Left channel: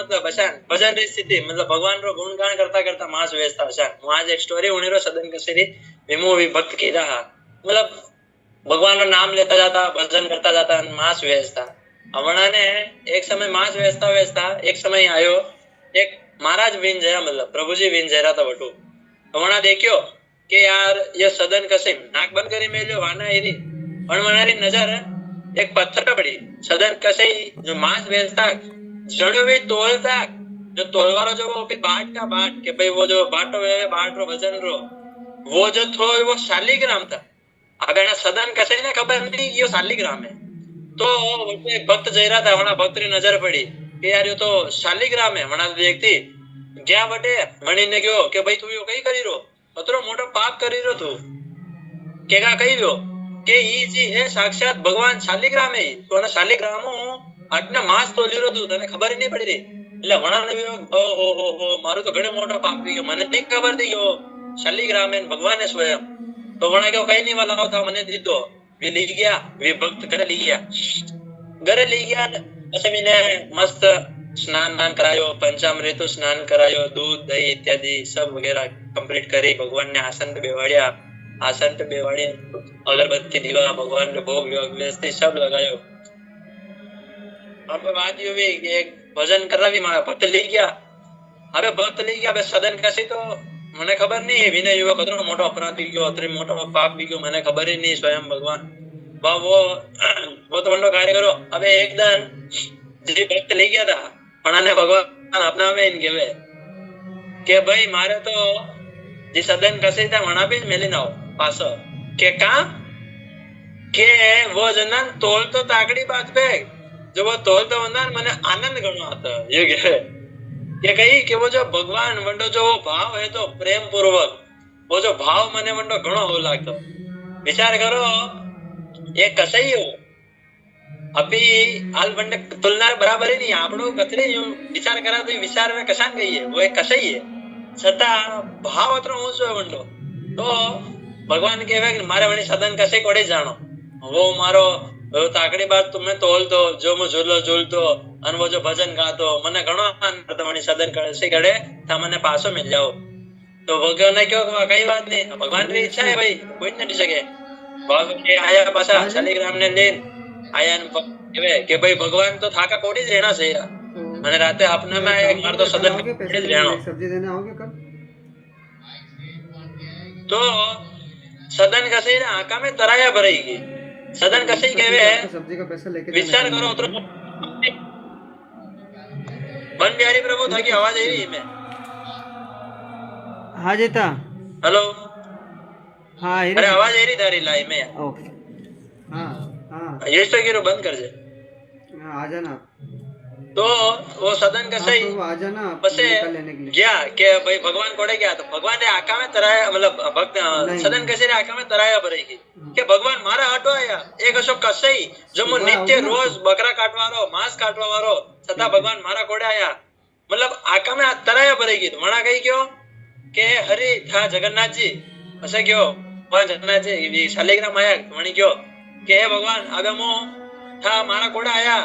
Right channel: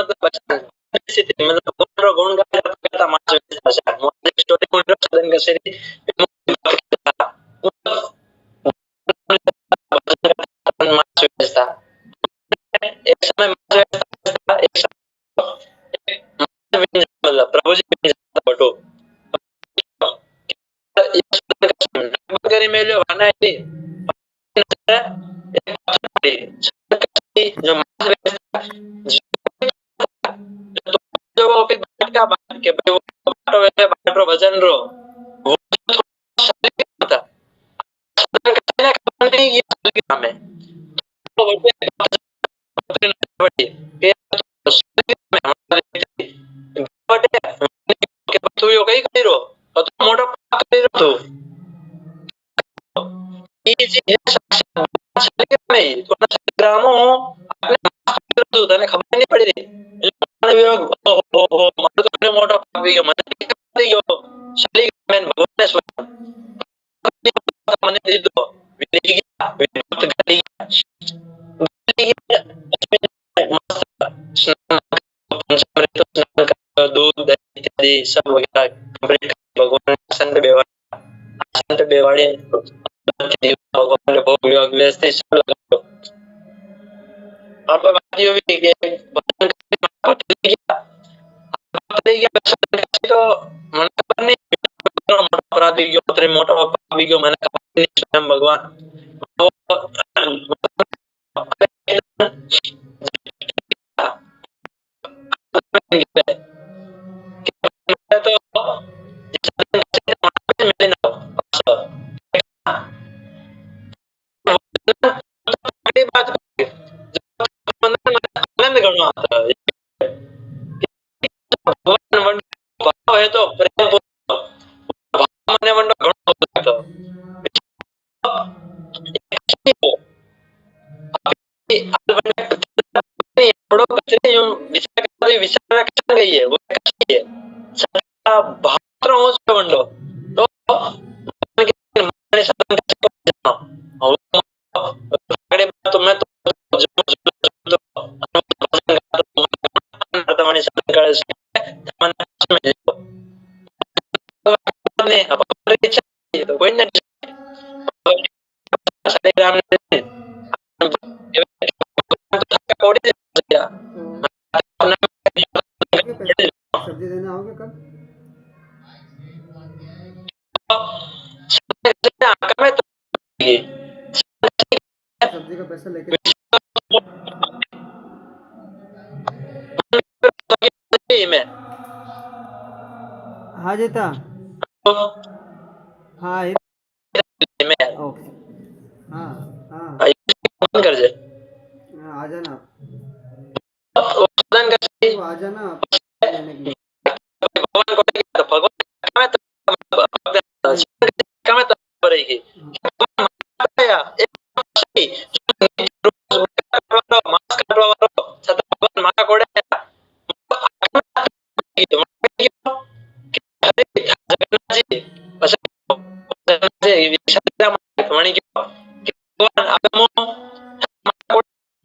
मतलब भजन री स्थिति मतलब भगवान रो गुणगान करता करता मास वेचता अच्छा હું आज एक स्टोरी उणी रो सदन कसेरी विमो विभक्त की रहा मतलब भगवान रो नाम लेता जाता भजन करता जाता मास वेचता हमणा ने एक समय मास वेचता वेचता एक समय आयो एक महाराज विन जरा मतलब प्रभुजी विन जरा था बटू हमणा देखियो कि यार ये सदन कसे नाक बंद करी मेल्यो वाना आईरी पण मनारी नजर एक पत्थर पे पड़ी सदन कसे जो मांस बेचता जड़ो भी तोलता जो तोलवारो जो वो बाट का बाट के भाई वो जो बाटो है बाट रो वजन रो वो जो थो वो शालिग्राम था अगर ना सदन कसे ना खबर नहीं ये शालिग्राम है तो वो एक भक्त जई रहा था वना भक्त की नजर पड़ी कि यार ये तो शालिग्राम है वना व्यक्ति क्या बटे वणी ने कहो कि भाई तू यो कई करी रो अतरो मोटो पाप करी रो तू केगा कही रो કે ઈ જે હે સાક્ષાત ભગવાન શાલિગ્રામ હે તો ના શાલિગ્રામ આટલા માસ તોલી રહ્યો તને ખબર નહીં પડી રહી એટલે વણાને ઓહો મારું તો ઘણો મોટો પાપ થઈ ગયો મને નહીં ખબર થઈ ગયો શાલિગ્રામ હે ભગવાન સ્વયં તો વણા કે કઈ નહીં બનાવો તો મને દીધો વી લઈ ગયા વી ભક્ત ઘરે લઈ ગયા પછી મેને મસ્ત સ્નાન કરાયો પંચામૃત સ્નાન કરાયો दूध दही इत्यादि सब वगैरह कंप्लीट करी भगवान ने आसन पे बेवाड़िया आसन पे बेवाड़ी अगरबत्ती दीवा भगवान ने भोग व्यवस्थित सब लगायो अब बात ये हुई कि भजन करना भी मारा भक्त ले गया अबे भक्त ले गया अबे सदन कैसी तो મને ખબર નહીં વિનય યુવક હતો મોટો અપરાધ થઈ ગયો અત્રે મોટો પાપ થઈ ગયો મને ખબર જ નહીં સ્વયં ભગવાન वो तो बंदो कार्य करो अबे एक दिन जी भक्त ले गया था પણ ભગવાન अपना में इनके वे કે ભાઈ મારે તો जी सदन कसे था वहां पे मिले ना पासो के का के वो जनन तोल तो ताकड़ी बात पे जो वो तोल तो वंदन मने आनंद गणो आता ये के कही कि वो जो भगवान वंडो जो भाव है तो प्रेम पूर्वक वो जो भाव मने वंडो घणो हो लागतो विचार करो ये कसई है वो अभी आल वंडे तुलना बराबर ही नहीं आपड़ो कचरी जो विचार करा तो विचार में कसान गई है वो एक कसई है छता भाव अतरो ऊंचो वंडो तो भगवान कहे कि मारे वणे सदन कसे कोड़ी जानो वो मारो ताकड़ी बात तो मैं तोल दो जो मु झूलो झूलतो अन वो जो भजन गातो मने घणो आनंद तमने सदन कसे गड़े ता मने पाछो मिल जाओ तो भगवान ने क्यों कई बात नहीं भगवान री इच्छा है भाई तो कोई नहीं सके भगवान के आया पाछा शालिग्राम ने ले आया न के भाई भगवान तो थाका कोड़ी लेना चाहिए मैंने राते अपने में एक बार तो सदन कोड़ी लेना सब्जी देने आओगे कल तो सदन कसे ना आका में तराया भरेगी सदन कसे कहवे सब्जी का पैसा लेके विचार करो तो मन प्यारी प्रभु था की आवाज आई रही मैं हाँ जीता हेलो हाँ अरे आवाज आई रही थारी लाई में यार ओके हाँ हाँ ये तो गिरो बंद कर जे आ जाना तो वो सदन कसे आ जाना पछे गया के भाई भगवान कोड़े गया तो भगवान ने आका में तराया मतलब भक्त सदन कसे ने आका में तराया भरेगी के भगवान मारा हटो आया एक अशोक कसई जो मु नित्य रोज बकरा काटवारो मांस काटवारो छता भगवान मारा कोड़े आया मतलब आका में तराया भरेगी तो वणा कही गयो के हरि था जगन्नाथ जी पछे गयो भगवान जगन्नाथ जी शालिग्राम आया तो वणी गयो के भगवान आगमो था मारा कोड़ा आया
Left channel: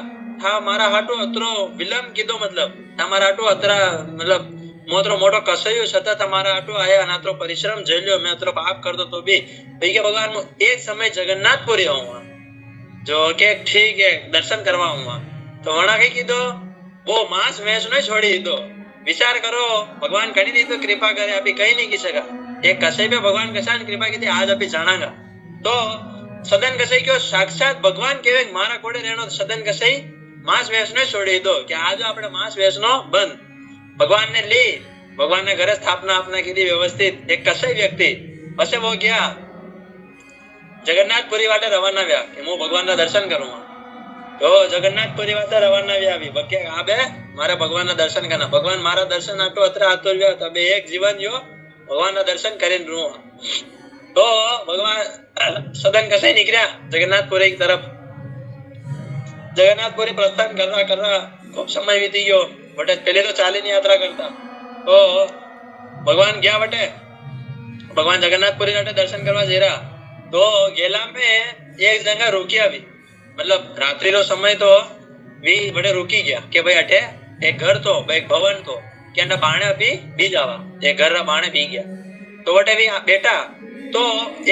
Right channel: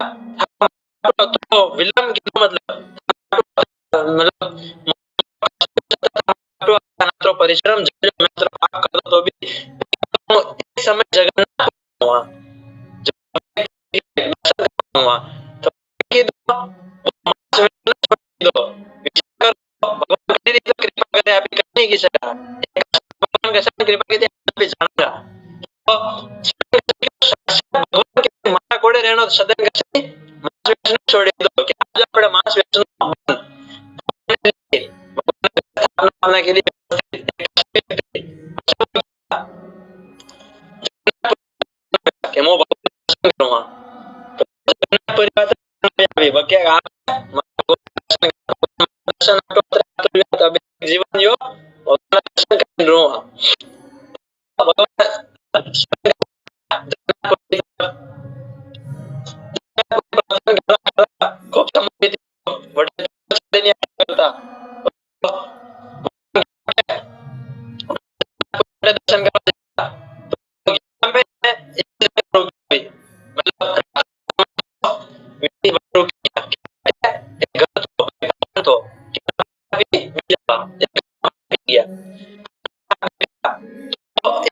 था मारा हाटो अतरो विलंब कीधो मतलब हमारा हाटो अतरा मतलब मोटरो मोटो कसयो छता हमारा हाटो आया अनात्रो परिश्रम झेल्यो मैं अतरो पाप करतो तो भी भाई के भगवान एक समय जगन्नाथपुरी हुआ जो के ठीक है दर्शन करवा हुआ तो वणा के कीधो वो मांस वेच नहीं छोड़ी दो विचार करो भगवान कड़ी दी तो कृपा करे अभी कहीं नहीं की सका एक कसई पे भगवान कैसा कृपा की थी आज अभी जानागा तो सदन कसई क्यों साक्षात भगवान कहे मारा कोड़े रहनो सदन कसई मांस वेचनो छोड़ी दो कि आज આપણે मांस वेचनो बंद भगवान ने ली भगवान ने घरे स्थापना अपना के लिए व्यवस्थित एक कसई व्यक्ति પછી वो गया जगन्नाथपुरी वाटे रवाना हुआ कि मैं भगवान ना दर्शन करूंगा तो जगन्नाथपुरी वाटे रवाना हुआ भी बके आबे मारे भगवान ना दर्शन करना भगवान मारा दर्शन आटो अतरा आतो ल्यो तबे एक जीवन जो भगवान ना दर्शन करीने रहूं तो भगवान सदन कसे निकला जगन्नाथपुरी की तरफ जगन्नाथपुरी प्रस्थान करता करता खूब समय बीती गयो वटे पहले तो चालीनी यात्रा करता तो भगवान गया वटे भगवान जगन्नाथपुरी वटे दर्शन करवा जई रहा तो गेला में एक जगह रोकिया भी मतलब रात्रि रो समय तो વી વડે રોકી ગયા કે ભાઈ અઠે એક ઘર તો એક ભવન તો કે એના બાણે બી બી જાવા એ ઘરના બાણે બી ગયા તો વડે વી બેટા તો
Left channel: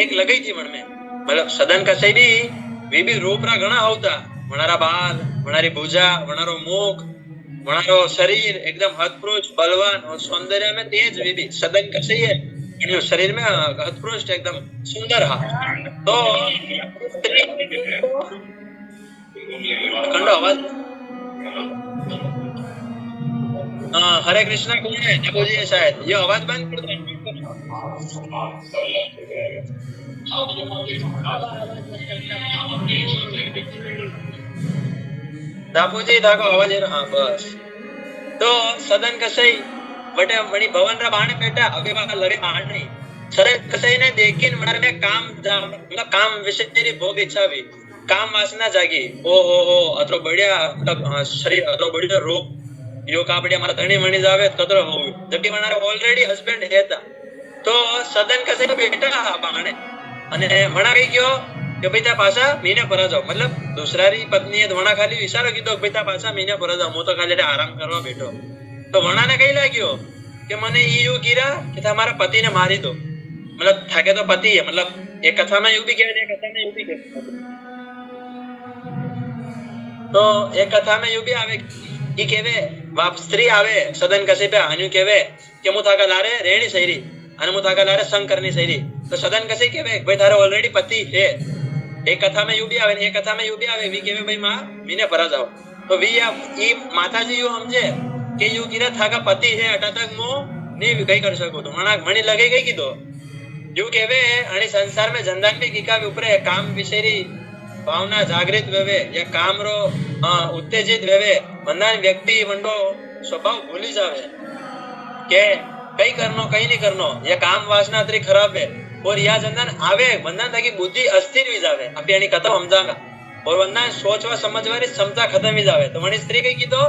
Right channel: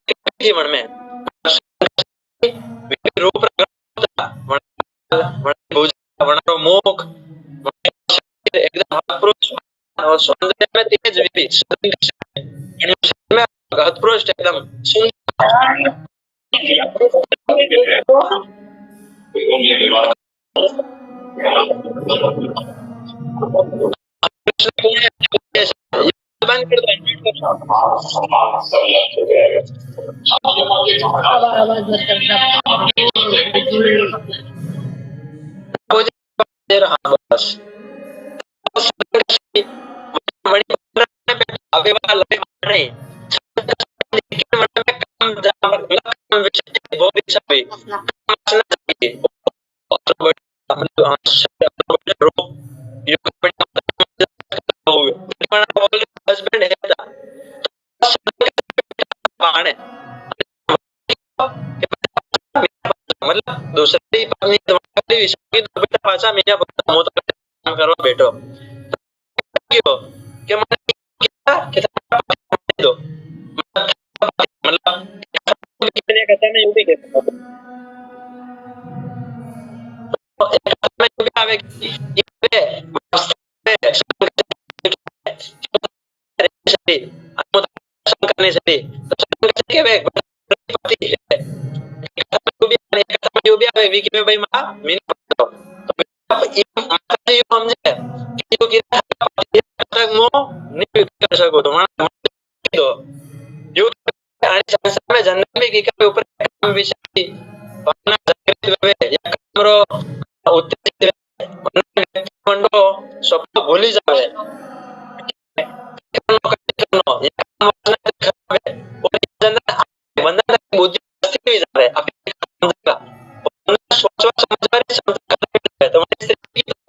એક લગઈ थी मन में मतलब सदन कसाई भी रूपरा घना होता वणारा बाल वणारी भुजा वणारो मुख वणारो शरीर एकदम हतपुरुष बलवान और सौंदर्य में तेज भी सदन कसाई है एनु शरीर में हतपुरुष एकदम सुंदर हा तो कंडो आवाज हरे कृष्णा कौन है जगोजी है शायद ये आवाज बंद कर दो दापोजी ताको आवाज आ रहा बस तो सदन कसाई बटे मणि भवन रा बाणे बैठा अबे वहां लगे बाणे सदन कसाई ने देखिन मन में काम मतलब काम विषय तेरी बहुत इच्छा भी काम वासना जागी ओ हो अतो बढ़िया मतलब शरीर अतो बढ़िया रो यो का बढ़िया मारा धणी मणी जावे कतरो होवे जटी मारा ऑलरेडी हस्बैंड रहता तो सदन कसाई बैठा बाणे અને વણા કઈ ગયો કે ભાઈ તા પાછા મીને પર જાવ मतलब दूसरारी पत्नी એ વણા ખાલી વિચારો કીધો કે તા પાછા મીને પર જાવ હું તો ખાલી આરામ કરવા બેઠો તો વણાને કઈ લાગ્યો કે મને ઈયુ કીરા કે તમારા પતિને મારી દો मतलब થાકે તો પતિ है मतलब एक कथा में यूं भी कह दे कथा में यूं भी कह तो एक कथा में यूं भी आवे कि केवे बाप स्त्री आवे सदन कसे पे आन्यु केवे કે હું થાકા લારે રેણી સૈરી અને હું થાકા લારે સંગ કરને સૈરી तो सदन कसे केवे भाई थारे ऑलरेडी पति है एक कथा में यूं भी आवे एक कथा में यूं भी आवे वी केवे भाई मां मीने पर जाओ तो वी ई माताजी यूं समझे कि यूं कीरा थाका पति है अटा तक मो नहीं कई कर सको तो माना घणी लगे कई कीधो यूं केवे आनी संसार में जन्नत में कीका के ऊपर काम विषयरी भावना जागृत वेवे या काम रो उत्तेजित वेवे मनान व्यक्ति मंडो स्वभाव भूली जावे के कई करनो कई नहीं करनो ये काम वासना तरी खराब है और यह जन्नत आवे वंदन था कि बुद्धि अस्थिर हो जावे अब यानी खत्म समझागा और वंदन सोचवा समझवारी क्षमता खत्म ही जावे तो वणी स्त्री कई कीधो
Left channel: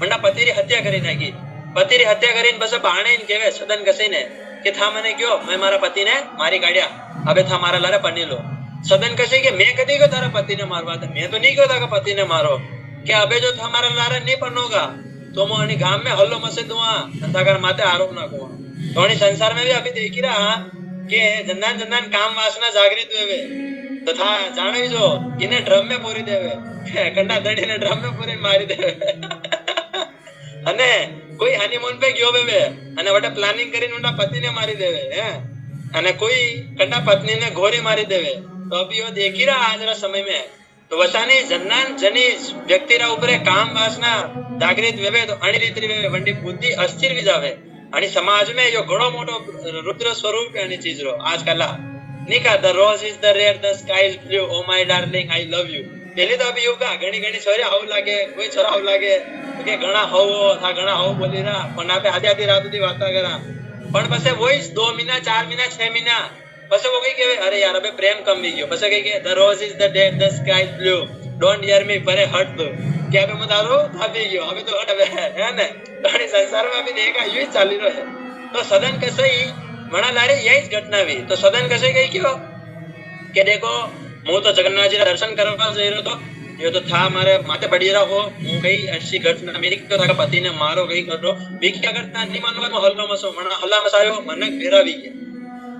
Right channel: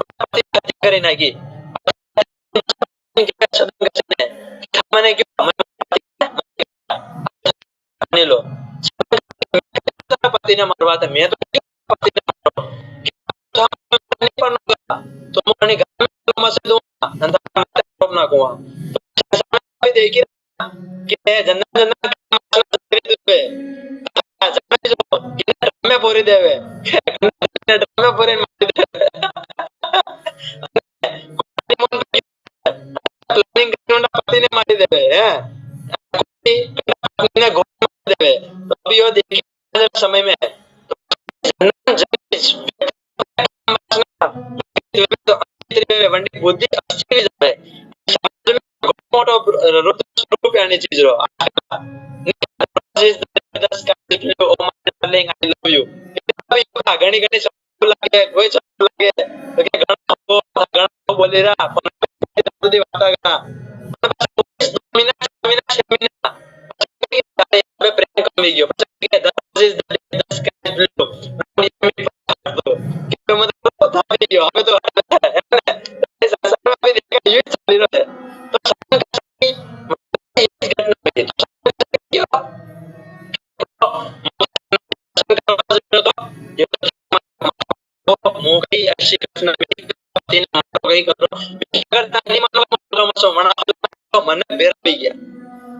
वंडा पति री हत्या करी नाखी पति री हत्या करीने પછી ભાણે ને કહેવે સદન કસીને કે થા મને કયો मैं મારા પતિને મારી કાઢ્યા હવે થા મારા લારે પની લો સદન કસે કે मैं कदी को तारा पतिने मारवा था मैं तो नहीं कहो तारा पतिने मारो કે હવે જો તમારા લારે नहीं पनोगा तो मैं अने गाम में हलो मसे दुआ अंताकर माते आरोप ना कुआ तो अने संसार में भी अभी देखी रहा के जन्नत जन्नत काम वासना जागृत हुए तथा जाने जो इने ड्रम में पूरी देवे के कन्ना धड़ी ने ड्रम में पूरी मारी देवे अने कोई हनीमून पे गयो बेबे अने वटे प्लानिंग करीने उना पति ने मारी देवे है अने कोई कन्ना पत्नी ने घोरी मारी देवे तो अभी यो देखी रहा आज समय में तो वचानी जन्नान जनी व्यक्ति रा ऊपर काम वासना जागृत वेवे तो अणी रीति वेवे वंडी बुद्धि अस्थिर हो जावे आणि समाज में यो घणो मोटो रुद्र स्वरूप यानी चीज रो आजकल निका the rose is the red the sky is blue oh my darling I love you પેલી તો હવે યુ કા ઘણી ઘણી સવારે હવ લાગે કોઈ ચરાવ લાગે તો કે ઘણા હવ બોલી રહ્યા પણ આપે આજે આધી રાત સુધી વાર્તા કરા પણ પછી વોઈ 2 મહિના 4 મહિના 6 મહિના પછી वो कही के अरे यार अबे प्रेम कम ही गयो પછી कही के the rose is the dead the sky is blue don't hear me परे हट दो કે હવે મત આરો થાપી ગયો હવે તો હટ હે ને તો સંસારમાં भी देखा यही चाली रहो है तो सदन कसई वणादारी यही घटना भी तो सदन कसई कही क्यों के देखो હું તો જગન્નાથજી ના દર્શન કરવા જઈ રહ્યો તો ये तो था मारे माथे पड़ी रहो હું કઈ ऐसी घटना मेरी तो था पति ने मारो कई करो बी क्या करता नहीं मानवा हल्लो मसो मना हल्ला मसायो मनक बेरावी गया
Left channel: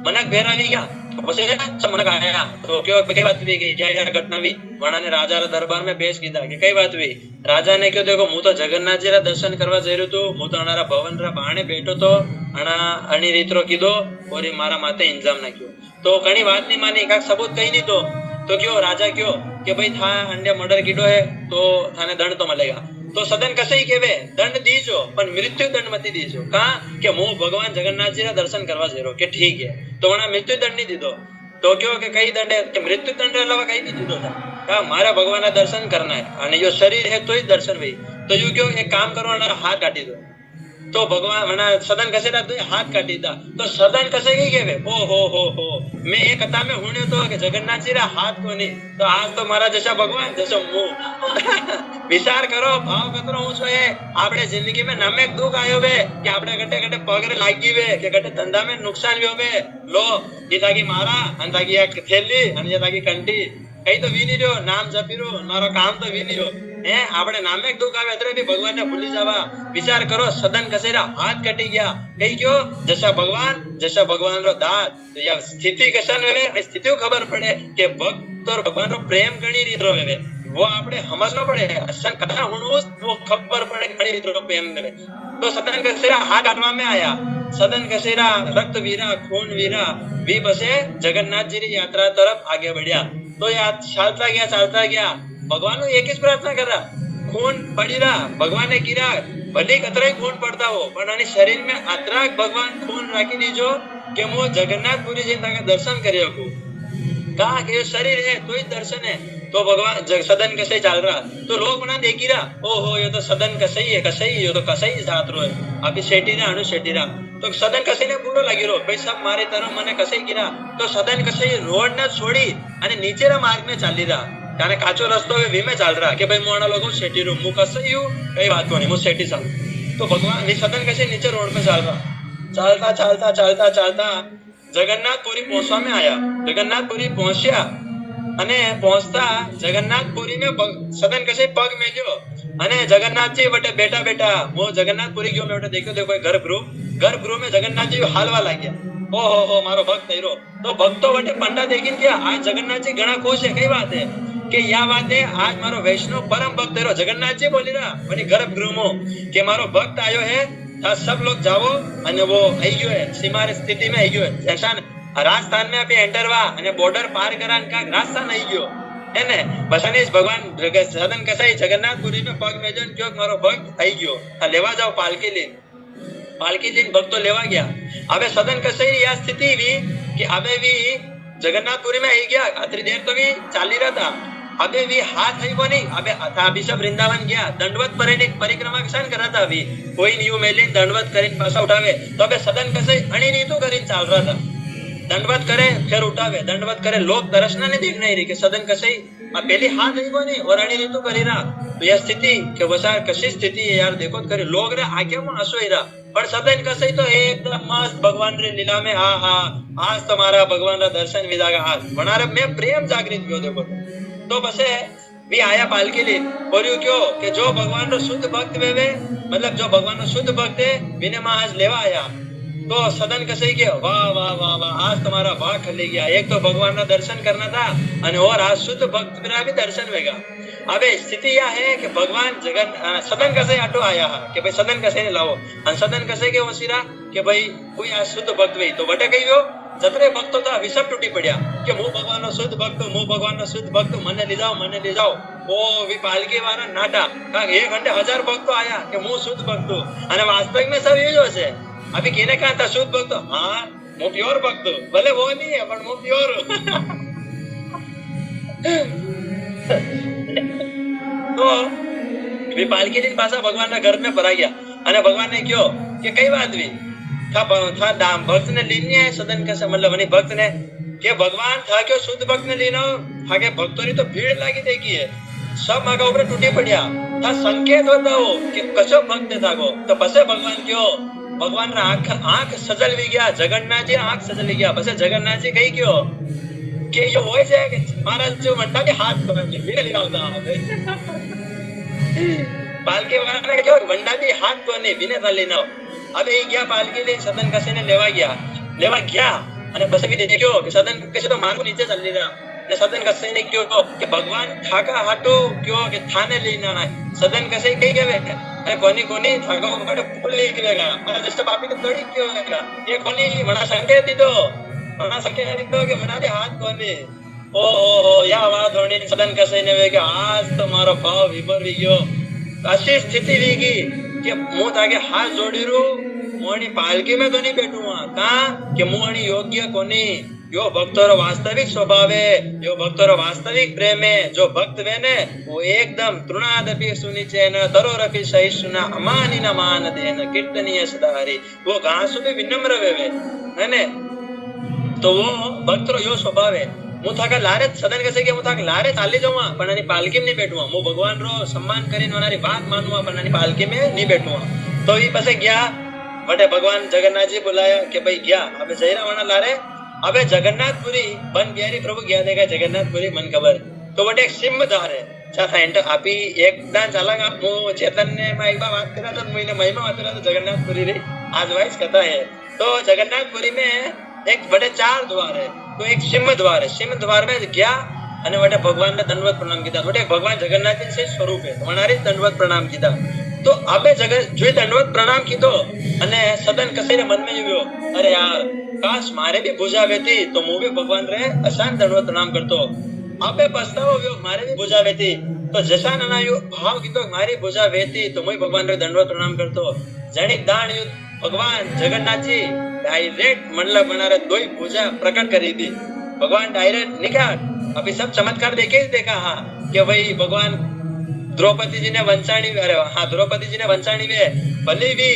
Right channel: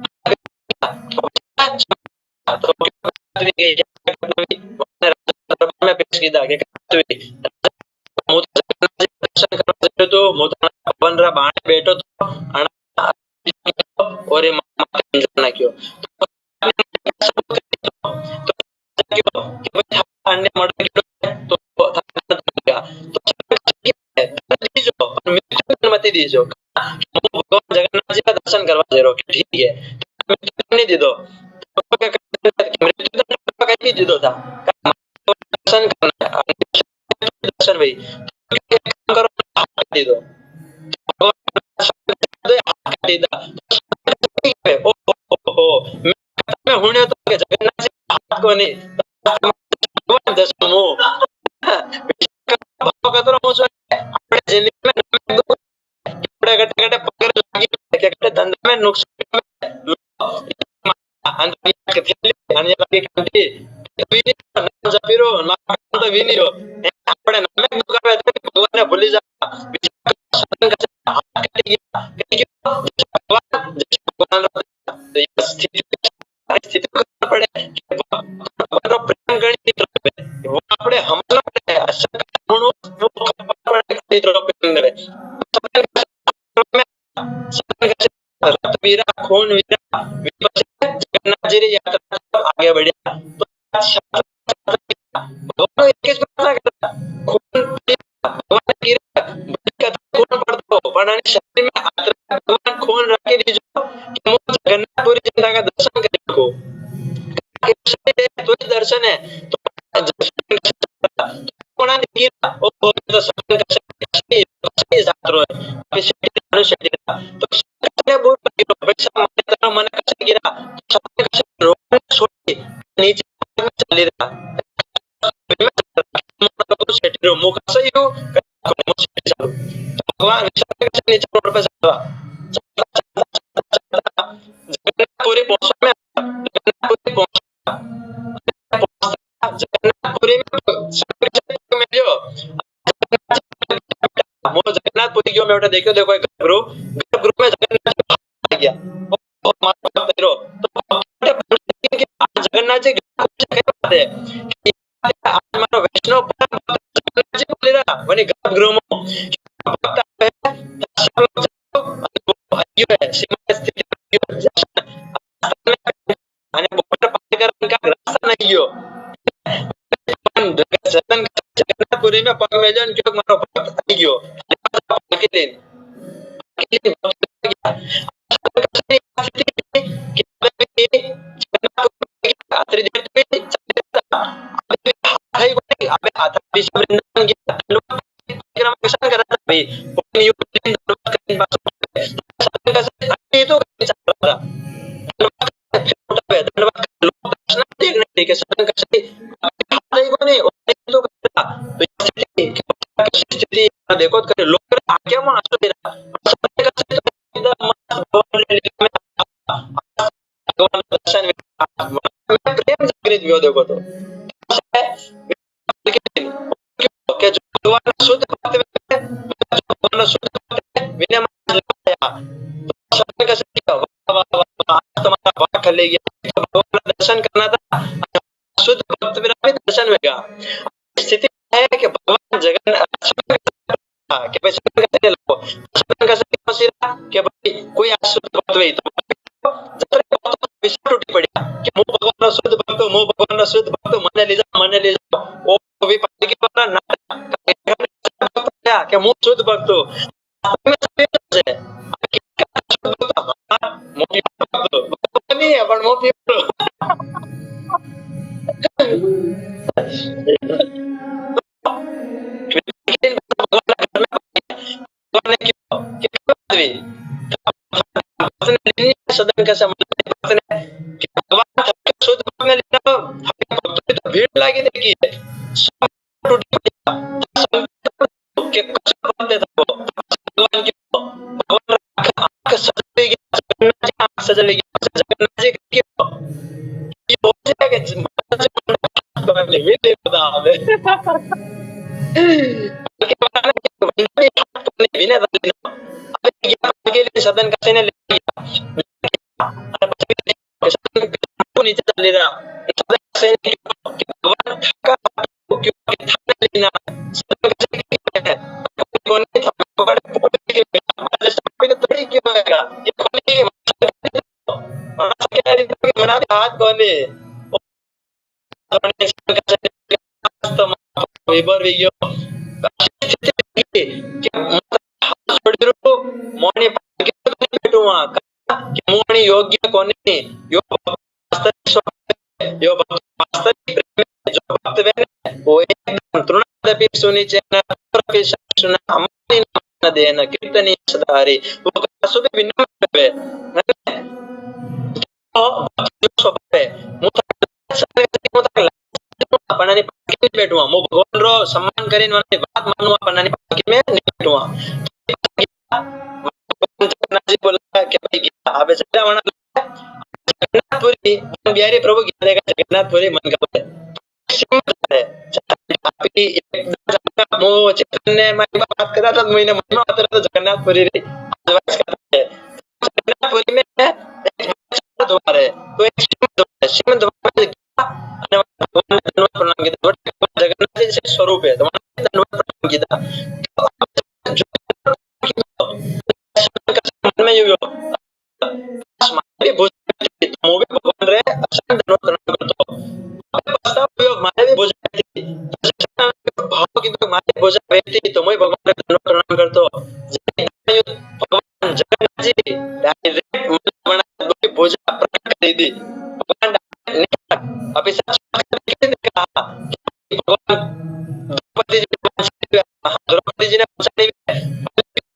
मनक बेरावी गया પછી સમનક આયા તો કયો કઈ વાત થઈ ગઈ क्या घटना हुई વણાને રાજા દરબાર में पेश कीधा કે કઈ વાત हुई राजा ने કહ્યું देखो હું તો જગન્નાથજી ના દર્શન કરવા જઈ રહ્યો તો હું તો અમારા ભવન રા બાણે બેઠો તો અણા અણી રીતરો કીધો और ये मारा माथे इंजाम नाख्यो तो घणी बात नहीं मानी का सबूत कही दीधो तो क्यों राजा क्यों कि भाई था अन्य मर्डर कीधो है तो थाने दंड तो मिलेगा तो सदन कसई केवे दंड दीजो पर मृत्यु दंड मत दीजो का कि હું ભગવાન જગન્નાથજી ના દર્શન કરવા જઈ રહ્યો કે ठीक है तो वणा मृत्यु दंड नहीं दीधो तो क्यों के कई दंड है कि मृत्यु दंड अलावा कई नहीं दीधो था का मारा भगवान ना दर्शन करना है और जो शरीर है तो ही दर्शन भाई तो यू क्यों एक काम करो ना हाथ काटी दो तो भगवान मना सदन कसे ना तो हाथ काटी दा तो सदन कसे की के ओ हो मैं ये कथा में हुण्यो तो कि जगन्नाथ जी रा हाथ कोनी तो आज तो मारा जैसा भगवान जैसा मुंह विचार करो भाव कतरो मुझो है आपणे जिंदगी में नमेक दुख आयो बे कि आपणे गटे गटे पगर लागी बे कि गटे धंधा में नुकसान लियो बे लो ये ताकी मारा अन ताकी एक थैली अन ये ताकी कंटी कई तो वीनी जो नाम जपीरो मारो काम तो वीनी रो હે આપણે નામે દુઃખ આવે એટલે બી ભગવાનને ભૂલી જવા વિચાર કરો સદન કસેરા હાથ કટી ગયા કઈ ગયો જશા ભગવાન રો દાસ તો યા સ્થિતિ કશન વે સ્થિતિ ખબર પડે કે ભક્ત और भगवान रो प्रेम घणी रीत रो वे वो આપણે સમજવા પડે અસલ કથા હોણું वो ખબર પડે ઘણી રીત રો પ્રેમ વે तो सदन कसेरा हाथ काटवा में आया सदन कसेरा रक्त वीरा खून वीरा वी बसे जगन्नाथ जी की यात्रा तरफ आगे बढ़िया तो यार चालता गया भगवान एक ही प्रार्थना कर रहा खून पड़ी रहा भगवान ने गिरा भले कतरे खून पड़ता हो पर आनी शरीर में आतरा भगवान खून राखी दीजो कि वो जगन्नाथपुरी जी का दर्शन करियो को कहा कि शरीर है तो ही दर्शन है तो भगवान सदन कसे चल रहा तो लोग बना देखी रहा ओहो ये तो सदन कसे ही है ये तो कसे ही साथ रो है अभी शेटी रहा तो सदन कसे ने बुरो लगे लो भाई सब मारे तनो मने कसे गिरा तो सदन कसे रोड ने छोड़ी અને નીચેના માર્ગ में ચાલી રહ્યા જાણે કાચો રસ્તો હોય ભીમે ચાલ રહ્યા કે ભાઈ મોણા લોકો શેટી રો મુ કસે યુ કઈ વાત નહીં મુ શેટી ચાલુ તો ભગવાન એ સદન કસે નીચે રોડ पे ચાલ रहा ચાલતા जगन्नाथपुरी पहुंचवा में आया जगन्नाथपुरी पहुंचा અને પહોંચતા જગન્નાથપુરી में सदन कसे पग मेल्यो અને जगन्नाथ जी बटे बेटा वो जगन्नाथपुरी जो मैं बेटा देखो गर्भगृह में जगन्नाथ जी हालवा लाग्या ओहो मारो भक्त हीरो तो भक्तो बटे पंडा देखीन के आज जगन्नाथ जी घणा खुश है कई बात है कि या बात है आज मारो वैष्णव परम भक्त हीरो जगन्नाथ जी बोली रहा वनी गर्भगृह में कि मारो भक्त आयो है ता सब लोग जाओ અને वो आई गयो है सीमा स्थिति में आई गयो है जैसा राजस्थान में अभी एंटर हुआ અને बॉर्डर पार करान का रास्ता नहीं गयो है ने बसने भगवान सदन कसाई जगन्नाथपुरी में पग मेजन क्यों मारो भक्त आई गयो लेवा जाओ पालकी लेन भक्तो लेवा गया अबे सदन कसाई या स्थिति भी कि अबे भी जगन्नाथपुरी में आई गया आतरी देर तो भी चाली रहा था अबे भी हाथ है को नहीं अबे आता अभी सब वृंदावन गया दंडवत परिक्रमा किसान कर रहा था अभी कोई नियो मेलिन दंडवत करीन पासा उठावे तो अबे सदन कसाई अणी रीतो करीन चाल रहा था दंडवत करे फिर उठावे दंडवत करे लोग दर्शना नहीं देख नहीं रही कि सदन कसाई पहली हाथ है को नहीं और अड़ी रीतो करी रहा तो यह स्थिति के बसा कशी स्थिति है यार देखो करे लोग रे आंखें में आंसू ही रहा पर सदन कसाई तो एकदम मस्त भगवान रे लीला में आज तुम्हारा भगवान रा दर्शन विदा का हाथ बना रे मैं प्रेम जागृत हुआ देखो तो बसे भी आया पालकी दिन और यू क्यों कि जो भगवान रो शुद्ध भक्त वे मतलब जो भगवान रो शुद्ध भक्त है विने में आज लेवा आया तो सदन कसे के वाह वाह वाह वाह आज तुम्हारा भाग खले गया एक तो भगवान का दर्शन करना था और आज शुद्ध भक्त मेरा भी दर्शन होगा अबे स्थिति यह है कि भगवान सदन कसे आटो आया कि भाई सदन कसे ने लाओ सदन कसे के वसीरा कि भाई कोई आज शुद्ध भक्त हुई तो बटे गई हो जतरे भक्तो था विषम टूटी पड़िया कि मु भगवान रो शुद्ध भक्त मने ले जाओ ओ वी पालकी वाला नाटा का एक घंटे 1000 भक्तो आया कि मु शुद्ध भक्त અને वास्तविक में सब ये जो है अभी कहने कहा था शुद्ध भक्त हाँ मो प्योर भक्त भले वो नहीं है पर मो प्योर तो पालकी दिन पासा भगवान ना घर में भरा गया અને भगवान ने क्यों कि कई बात भी था भक्त ने लेनी है सदन का मतलब नहीं भक्त ने कि भगवान था क्यों शुद्ध भक्त ने लेना था कि भक्तों ने तो भीड़ लागी देखी है सब आगे ऊपर टूटी पड़िया था संकेत बताओ कि कचो भक्त था को तो पछे भगवान क्यों भगवान रा आंख सजल भी गया जगन्नाथ जी आंख सजल भी गया पछे जगन्नाथ जी कही क्यों कि ये होय છે કે महाराज जो मंडा के हाथ बांध ले वीर होता है पालकी वाला ने क्यों मंडा भी हाथ तो नहीं बिना डाली ना अबे गया पालकी ले सदन कसे ने लेवा गया અને પછી भी देखियो कि सदन कसे तो मारू नीचे चल रहा ने सदन कसे ने क्यों कि भगवान ठाका हाटू क्यों कि थाने लेना है सदन कसे कही गए अरे कोनी थाको बड़े पुल ले गया मारा जैसे बापी ने तोड़ी क्यों होगा ये कोनी बड़ा संकेत दीदो कि बना दे हाथ कोनी ओ या आवाज होनी सदन कसे ने वे कि आज तुम्हारो भाव विभर गयो ऐसी स्थिति रही कि मु ताके हाथ जोड़ी रू मोनी पालकी में तो नहीं बैठूंगा कहा कि मोनी योग्य कोनी यो भक्तों वास्तविक स्वभाव है यो भक्तों वास्तविक प्रेम है जो भक्त वे ने वो एकदम तृणादपि सुनिचेन तरो रखि सहिष्णुना अमानि न मान देन कीर्तनीय सदा हरि वो घासु भी विनम्र वे है ने तो वो भक्त यो स्वभाव है હું થાકા લારે સદન કસે કે હું થાકા લારે ચાલી જાઉં પણ આની પાલકી में नहीं बैठूंगा હું ભગવાન રો सम्मान કરીને વાનાની વાત માનવા પણ આની પાલકી में नहीं बैठूंगा तो ये पसे गया बटे भगवान जगन्नाथ जी बुलाया कि भाई गया अबे जयरा वाना लारे अबे जगन्नाथपुरी मन बिहारी प्रभु गया देखा जगन्नाथपुरी मन खबर है तो बटे एक सिम द्वार है चाथा एंटर आपी एकदा झाला का मो चेतन ने मैं एक बार बात करा था महीने महिमा होता तो जगन्नाथपुरी रे आज वाइस करता है तो जगन्नाथपुरी में एक बड़े 4 द्वार है तो एक सिम द्वार है सिम द्वार में गया અને વટે ભગવાનને દંડવત પ્રણામ કીધા વટે ભગવાન જગન્નાથજી છે સ્વરૂપે તો મનારી દંડવત પ્રણામ કીધા તો આપે જગન જોઈ દંડવત પ્રણામ કીધો અને સદન કસીને મનમાં આવ્યો અરે યાર કાશ મારે ભી ભુજા વેતી તો હું ભી ભગવાન રે અશાન દંડવત પ્રણામ કરતો આપે પસ્તાવો આવ્યો મારે ભી ભુજા વેતી તો જશાન આયો ભાવ કીધો મારી ભુજા વેતી તો હું ભગવાન રે દંડવત પ્રણામ કરતો જણી દાણ યુદ્ધ ભગવાન જગન્નાથજી ડાયરેક્ટ મંડળ બનારે દોઈ ભુજા પ્રકટ કરી दी भगवान डायरेक्ट नहीं क्या अभी सब चमत्कार देखे ही देखा हाँ कि भाई भगवान द्रौपदी जी ने वंशाणी हाँ द्रौपदी जी ने वंशाणी में भले भी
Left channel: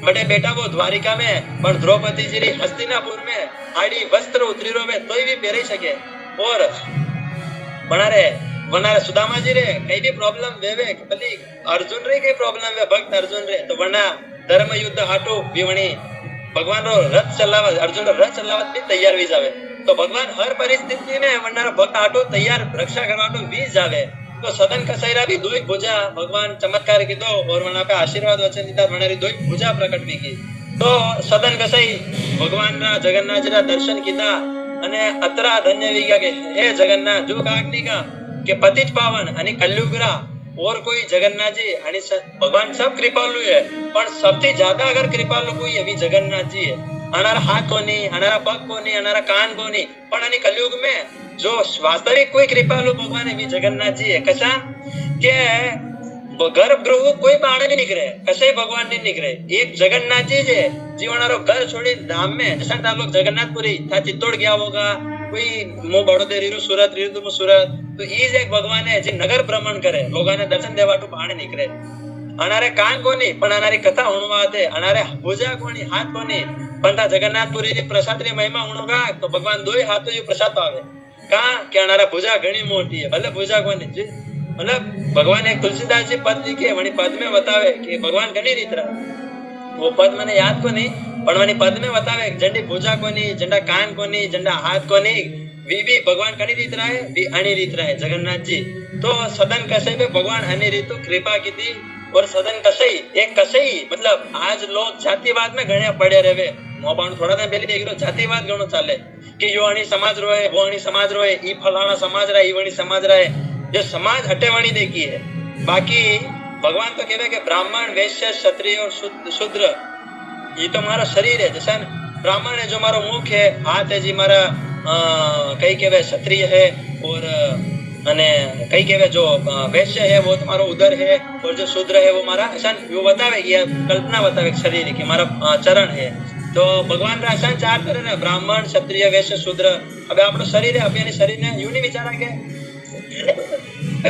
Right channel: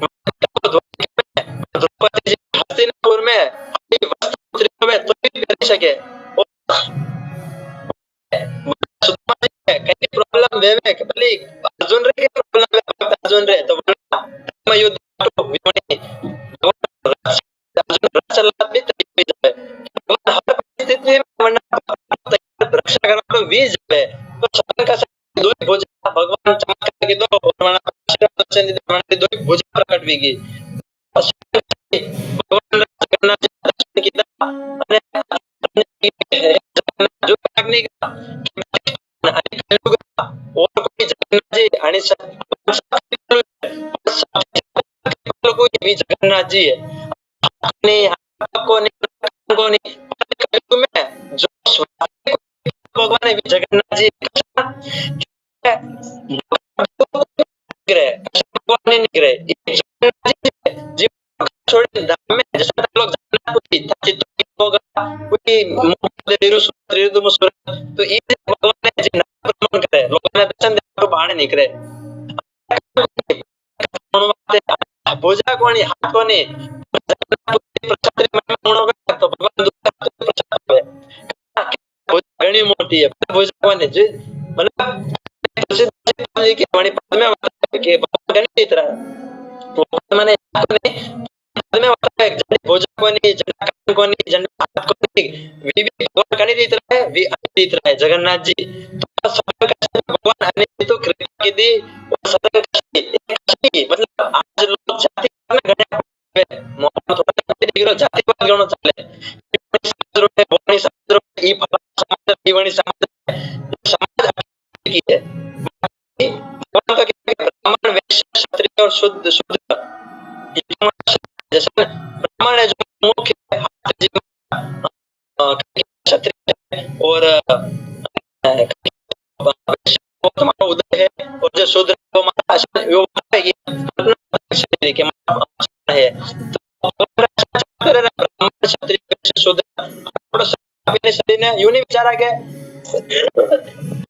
बड़े बेटा वो द्वारिका में पर द्रौपदी जी ने हस्तिनापुर में आड़ी वस्त्र उतरी में तो भी पहरी सके और बनारे सुदामा जी रे कई भी प्रॉब्लम वेवे भले अर्जुन रे कई प्रॉब्लम है भक्त अर्जुन रे तो बना धर्म युद्ध हाटो विवणी भगवान रो रथ चलावा अर्जुन रथ चलावा भी तैयार भी जावे तो भगवान हर परिस्थिति में वरना भक्त आटो तैयार रक्षा करवा तो भी जावे तो सदन कसाईरा भी दोई भुजा भगवान चमत्कार कीधो और वहां पे आशीर्वाद वचन दीधा वहां दोई भुजा प्रकट भी की तो सदन कसाई भगवान रा जगन्नाथ जी रा दर्शन कीधा અને અતરા ધન્ય વિગા કે હે જગન્નાથ જો કાગની का કે પતિત પાવન અને કલયુગરા और कोई जगन्नाथ जी आणि भगवान सब कृपालु है पर सबसे ज्यादा अगर कृपालु कोई है भी जगन्नाथ जी है अनारा हाथ को नहीं अनारा पग को नहीं अनारा कान को नहीं पर अनि कलयुग में जो वास्तविक कोई कृपालु भगवान है भी जगन्नाथ जी है कसा के गर्भगृह कोई माणे नहीं निकले कसे भगवान नहीं निकले एक जगन्नाथ जी है जीवनारो घर छोड़ी धाम में जैसा था लोग जगन्नाथपुरी था चित्तौड़ गया होगा कोई मु बड़ोदर रीरु सूरत रीरु तुम सूरत तो ये एक भगवान है जो नगर भ्रमण करे लोगों ने दर्शन देवा तो बाहर निकले अनारे कान कोनी पण अनारी कथा उणवाते अनारे भुजा कोनी हाथ कोनी पण जगन्नाथपुरी प्रसाद री महिमा उणोगा तो भगवान दोई हाथों ये प्रसाद पावे का के अनारे भुजा घणी मोटी है भले भुजा कोनी जी मतलब भगवान एक तुलसीदास जी पद लिखे वणी पद में बतावे कि भगवान घणी रीतरा वो पद मैंने याद को नहीं पण वणी पद में बतावे जंडी भुजा कोनी जंडा कान कोनी जंडा हाथ कोनी वी भी भगवान घणी रीतरा है वी अणी रीतरा है जगन्नाथ जी तो सदन कसे में भगवान अणी रीतो कृपा की दी और सदन कसे एक कसे मतलब आज लोग जातिवाद में घणे पड़े रहे मोबाइल थोड़ा टाइम पहले देख लो जातिवाद घणो चाले कि यो अणी समाज रोए वो अणी समाज रोए ई फलाना समाज रहे ई वणी समाज रहे ये समाज हटेवाणी देखी है बाकी भगवान तो कहते कि ब्राह्मण वैश्य क्षत्रिय और शूद्र ये तो हमारा शरीर है जैसा ब्राह्मण है जो हमारा मुख है हाथ है जी हमारा कई कहवे क्षत्रिय है और अने कई कहवे जो वैश्य है वो तुम्हारा उदर है और जो शूद्र है वो हमारा अशान वो बतावे कि कल्पना बतावे शरीर है कि हमारा चरण है तो भगवान रा अशान 4 तरह ब्राह्मण क्षत्रिय वैश्य शूद्र अब आपनो शरीर है अब शरीर ने यूं नहीं विचारा के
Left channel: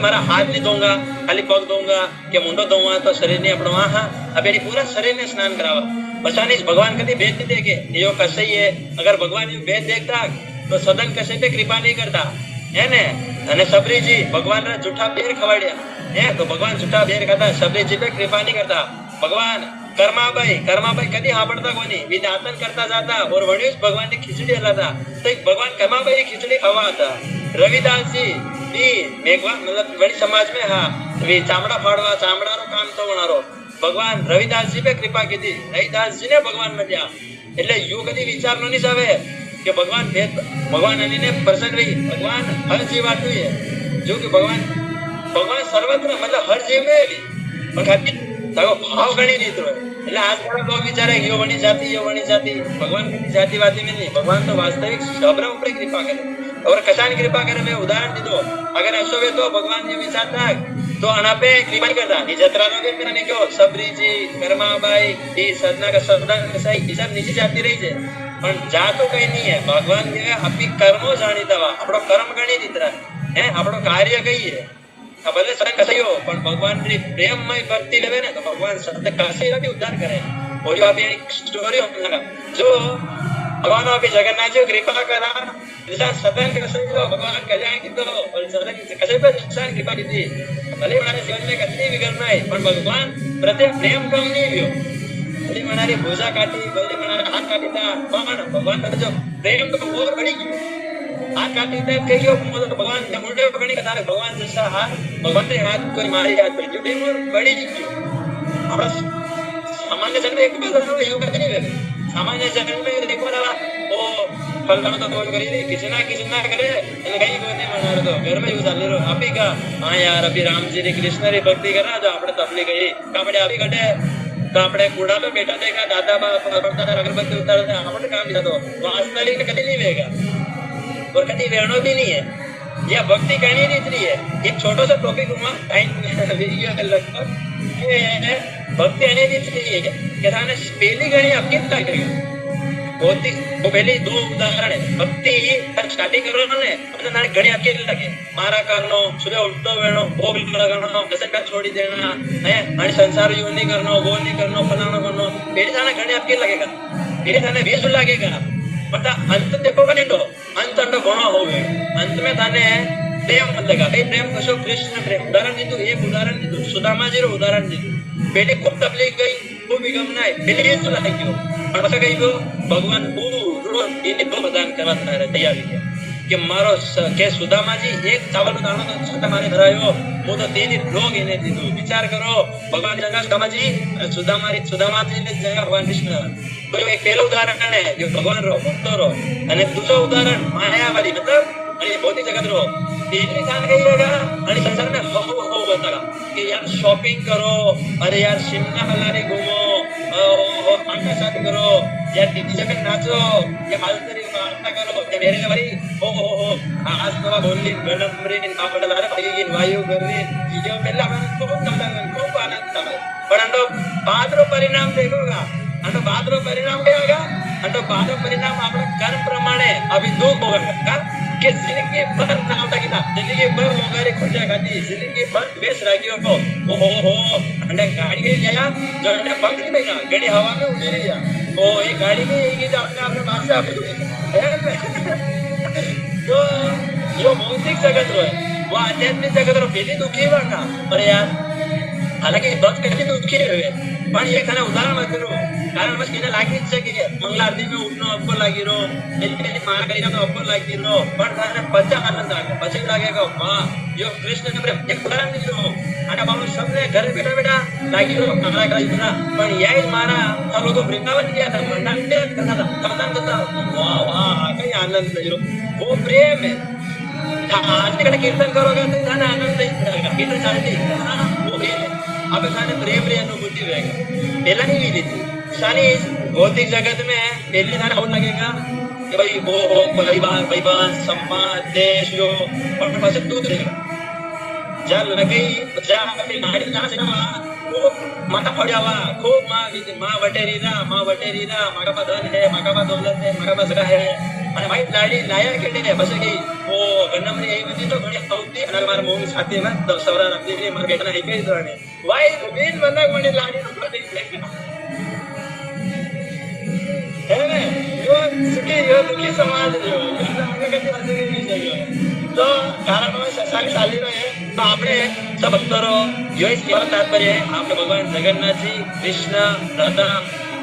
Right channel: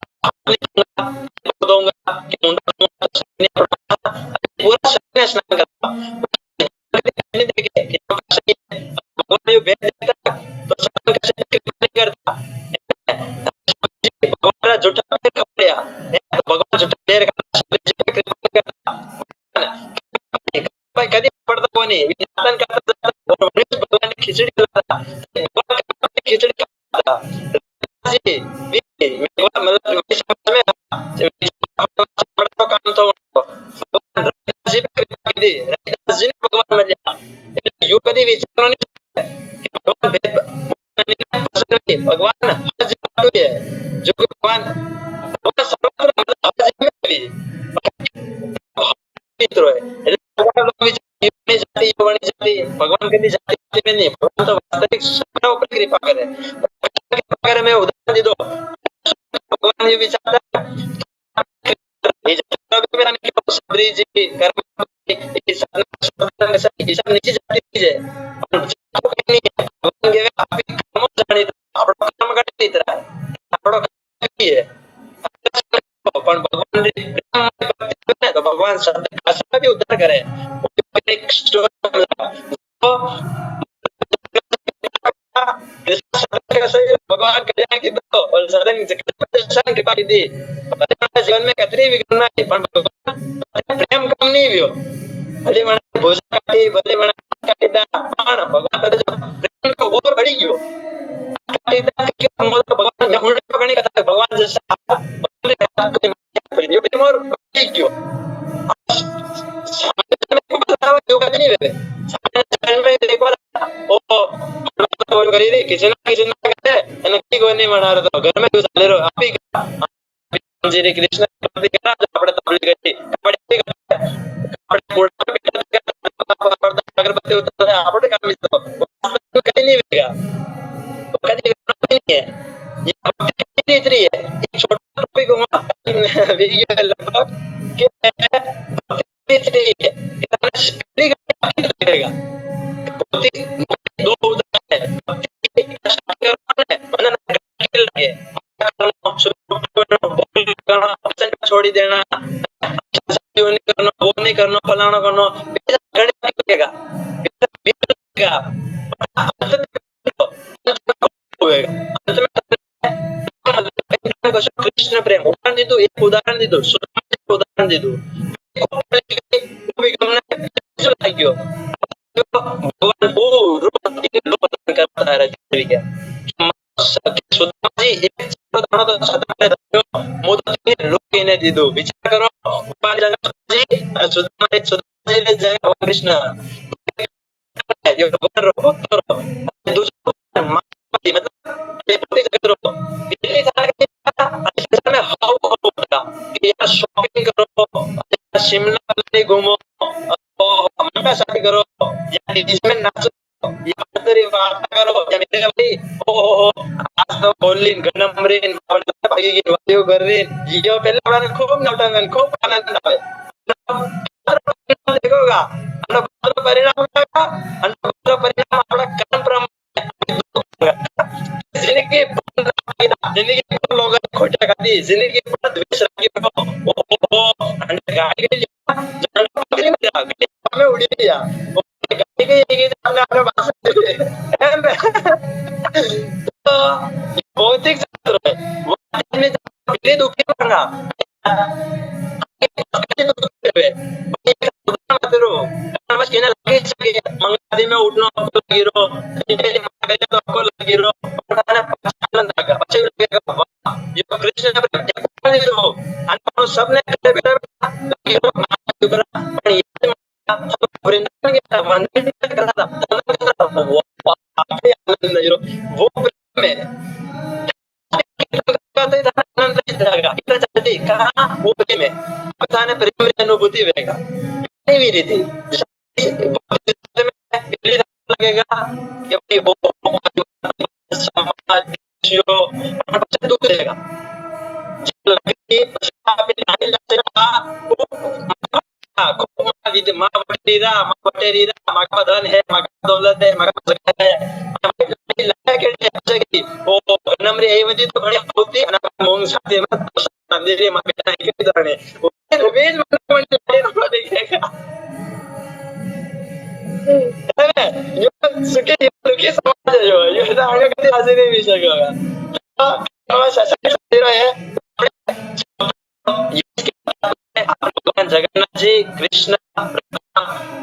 मारा हाथ नहीं दूंगा खाली पग दूंगा कि मुंडो दूंगा तो शरीर ने अपना हाँ अब पूरा शरीर ने स्नान करावा बचानी भगवान कभी भेद नहीं देखे कि यो कसे है अगर भगवान यो भेद देखता तो सदन कसे पे कृपा नहीं करता है ने અને શબરીજી ભગવાન રા જૂઠા બેર ખવાડ્યા હે તો ભગવાન જૂઠા બેર ખાતા શબરીજી पे कृपा नहीं करता भगवान कर्माबाई कदी સાંભળતા કોની વિજાતન કરતા જાતા और વળી ભગવાન ની ખીચડી હલાતા તો ભગવાન કર્માબાઈ ની ખીચડી ખાવા હતા રવિદાસ जी भी મેઘવા मतलब વડી समाज में हां ચામડા ફાડવા ચામડાનો કામ થવાનારો ભગવાન રવિદાસ जी पे कृपा कीधी રવિદાસ जी ने भगवान મળ્યા એટલે યુ કદી વિચાર ન જાવે कि भगवान भेद भगवान ने प्रसन्न हुई भगवान हर जीव आटू है जो कि भगवान सर्वत्र मतलब हर जीव में भी भाव गणी नीतरो है એટલે આજકાલ लोग विचारे कि यो वणी जाति भगवान कदी जातिवादी में नहीं भगवान तो वास्तविक सबना ऊपर कृपा करे और कशान कृपा करे मैं उदाहरण दे दो अगर ऐसो वे तो भगवान ये विचारता तो आना पे कृपा करता ये जतरा तो भी मैंने क्यों सबरी जी कर्माबाई ये सदना का सदना कसाई ये सब नीचे जाती रही है पर जातो कहीं नहीं है भगवान कहवे आपी कर्मो जाणीता आपणो कर्म गणी रीतरा है आपणो कार्य कई है भले सदन कसाई हो पर भगवान री प्रेममय भक्ति लेवे ना तो भगवान सत्य काशी का भी उद्धार करे और जो अभी एक स्टोरी हमला जो भगवान अभी जगन्नाथ जी कृपा करा जैसा सदन कसाई हो भगवान कल्याण की तो और सदन कसाई पे जैसा कृपा की थी भले मारे जीवन में कतरी विघ्न नहीं पर भगवान प्रति प्रेम कम नहीं हुयो भले मनारी भुजा काटी भले मना हाथ काटीता पर भगवान प्रति जो प्रेम को और बढ़ी गयो हाथ काटी थे कई जो भगवान मुंडे पकड़ने का था भगवान जैसा हाथ भगवान ने हाथ कोई मारी हाथ पड़ी जो प्रेम और बड़ी नहीं क्यों अपना सामान्य जन्म एक बार बताओ योग नहीं रहते सामान्य जन्म में देखो ना ओ कलर तो बोल करी थी किचना करे અને કઈ કોઈ નહીં મનારો તો ઘર में यूज ले रो आपी का हां यार अभी राम जी ने कृष्ण री भक्ति करा जो આપણે તબલી ગઈ કાપડે આપી ઘટે આપણે કોડા पे बैठा देगा दादा बाप परदा अगरबत्ती उतारता આપણે काम नहीं तो वो आजतक में कभी नहीं वेगा और कभी वेणो भी नहीं है यह भक्ति कहनी नहीं इतनी है एक छोटा सा टॉपिक हुआ टाइम वीडियो लगभग के भक्ति कहनी नहीं इतनी है कि थाने पहली घड़ी आपकी लगेगा भौतिक पहले दो उदाहरण है भक्ति स्टार्टिंग करो ने અને નાની ઘણી આપકી લાગે મારા કરનો સુબહ ઉઠતો વેણો ભોગ લગાવવાનો વ્યસન પર છોડી દેना है અને संसार जो नहीं करनो वो नहीं करनो फलाना करनो पेट जाने घणी आपकी लगेगा पेट जाने बेस लगेगा पता अंत देखोगे नहीं तो अंत का घणो होवे अंत में थाने प्रेम लगेगा भाई प्रेम कसो कृष्ण प्रेम उदाहरण दीधું एक उदाहरण दीधું सुदामाजी નું उदाहरण दीधું पेटे खूब तकलीफ गई खूब गमनाय पेटे ये जो लाग्यो પછી કઈ તો ભગવાન પૂરું એને લો પ્રદાન કરવા તૈયાર થઈ ગયા કે મારો કે સુદામાજી એક ચાવલનો દાણો તો છતાં મારે ધરાયો હું તો તેને લોગ એને દીધું વિચાર કરો ભગવાન જગન્નાથજી સુદામાજી ને જય ભગવાન કૃષ્ણ કોઈ એક પહેલું ઉદાહરણ है जो भगवान रो भक्तो रो અને दूसरा उदाहरण मायावादी मतलब અને ભૌતિક જગત रो दिल्ली था रहेगा અને संसार में हाउ होता कि यार शॉपिंग करो अरे यार शिमला मनाली घूमो मनका शादी करो यार डीजे में नाचो ये मालतरी वार्ता करो या मेरे भाई ओ आज तो बोलली गणमरी આપણે તારે ભાઈ વાયુ કરવી જીજો પહેલા આપણે ખૂબ નતા ખૂબ આનંદ આવે પણ આનો બાદરો પરિણામ દેખોગા આનો બાદરો પરિણામ क्या होगा આનો બાદરો પરિણામ આપણા કર્મ પ્રમાણે અભી દુઃખ હોगा કે जिंदगी भर नाम लगिता जिंदगी भर मोगारी खोटिया खाती जिंदगी भर द्वेष राग्यो ओ અને ગાડી લઈ ગયા જો એને પકડી નહીં ગયા ગાડી હવા में उड़ी गया ओ ये गाड़ी में ये तो अपने भाषा આપે तो यो भौतिक जगत रो है वो आध्यात्मिक जगत रो पहले दुखी बना अरे यार हालांकि बहुत कष्ट दुखी रहे પણ એક ખાને ઉદાહરણ કરું કારણ બસ કેને લાગે છે કે મંગળ આરતી में उठनो आपको लागी रो मेरी मेरी मां करी तो आपको लागी रो પણ થાને પછા આનંદ आएगा પછી लागेगा वाह यो कृष्ण ने प्रेम एक उदाहरण दे दो અને મારો सबने घरे बैठा बैठा लागी रो मारा का शुक्रा પણ यही मारा सब लोग वृंदावन गया था मंडल में करता था तमन्ना करता था वाह वाह क्या आनंद ले रो वो प्रेम है आज तक कीर्तन करोगा तो थाने आनंद नहीं रहेगा कीर्तन चाहती कहां वो प्रेम है अब थाने प्रेम री अनुभूति रहेगा पहला नहीं भी थी शानी भौतिक जगत में पहले थाने हो लगेगा कि भाई वो भाईवान समाज देश यो और પછી દુઃખ रहेगा जब लगी जब अपनी गाड़ी ना चला खूब माथा पड़ावा खूब मां बटेरीरा मागा में धन है मागा में दौलत है मागा में जगह है અને ભાઈ ગાડી લાયા કેડી લે પછી ગઈ ઓ ગણમરી આવી બધી તો ઘણી આવતી અને માર મોંગ સાથે માં સવરા નામ દે માર બેટા ના કઈ ધરણે ભાઈ રૂબેજ મને કોની લાડી નો દેખેગા है यो सुखे यो दुखी समाज है यो तो आगे कभी हाजिर नहीं मिल सकेगा तो कारण वो ससानी चाली रहे तो आपने सब भक्तों यो इस केवल तात्पर्य है आपने भगवान जगन्नाथ जी कृष्ण राधा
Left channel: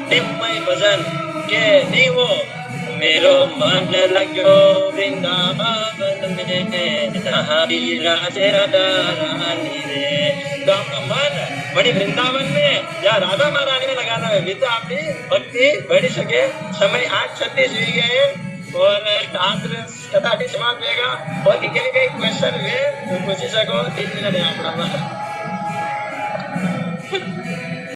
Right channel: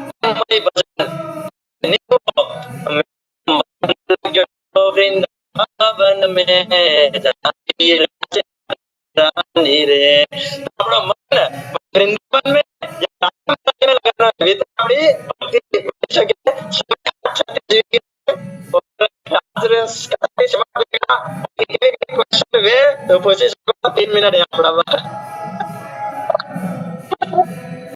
प्रेममय भजन के नहीं हो मेरो मन लग्यो वृंदावन में जहाँ विराजे राधा रानी रे तो अपना मन बड़ी वृंदावन में या राधा महारानी में लगाना है वे तो अपनी भक्ति बढ़ी सके समय 8:36 जी गए और आंसर कथा समाप्त होगा और इनके लिए क्वेश्चन वे तो पूछ सको 3 मिनट है आपका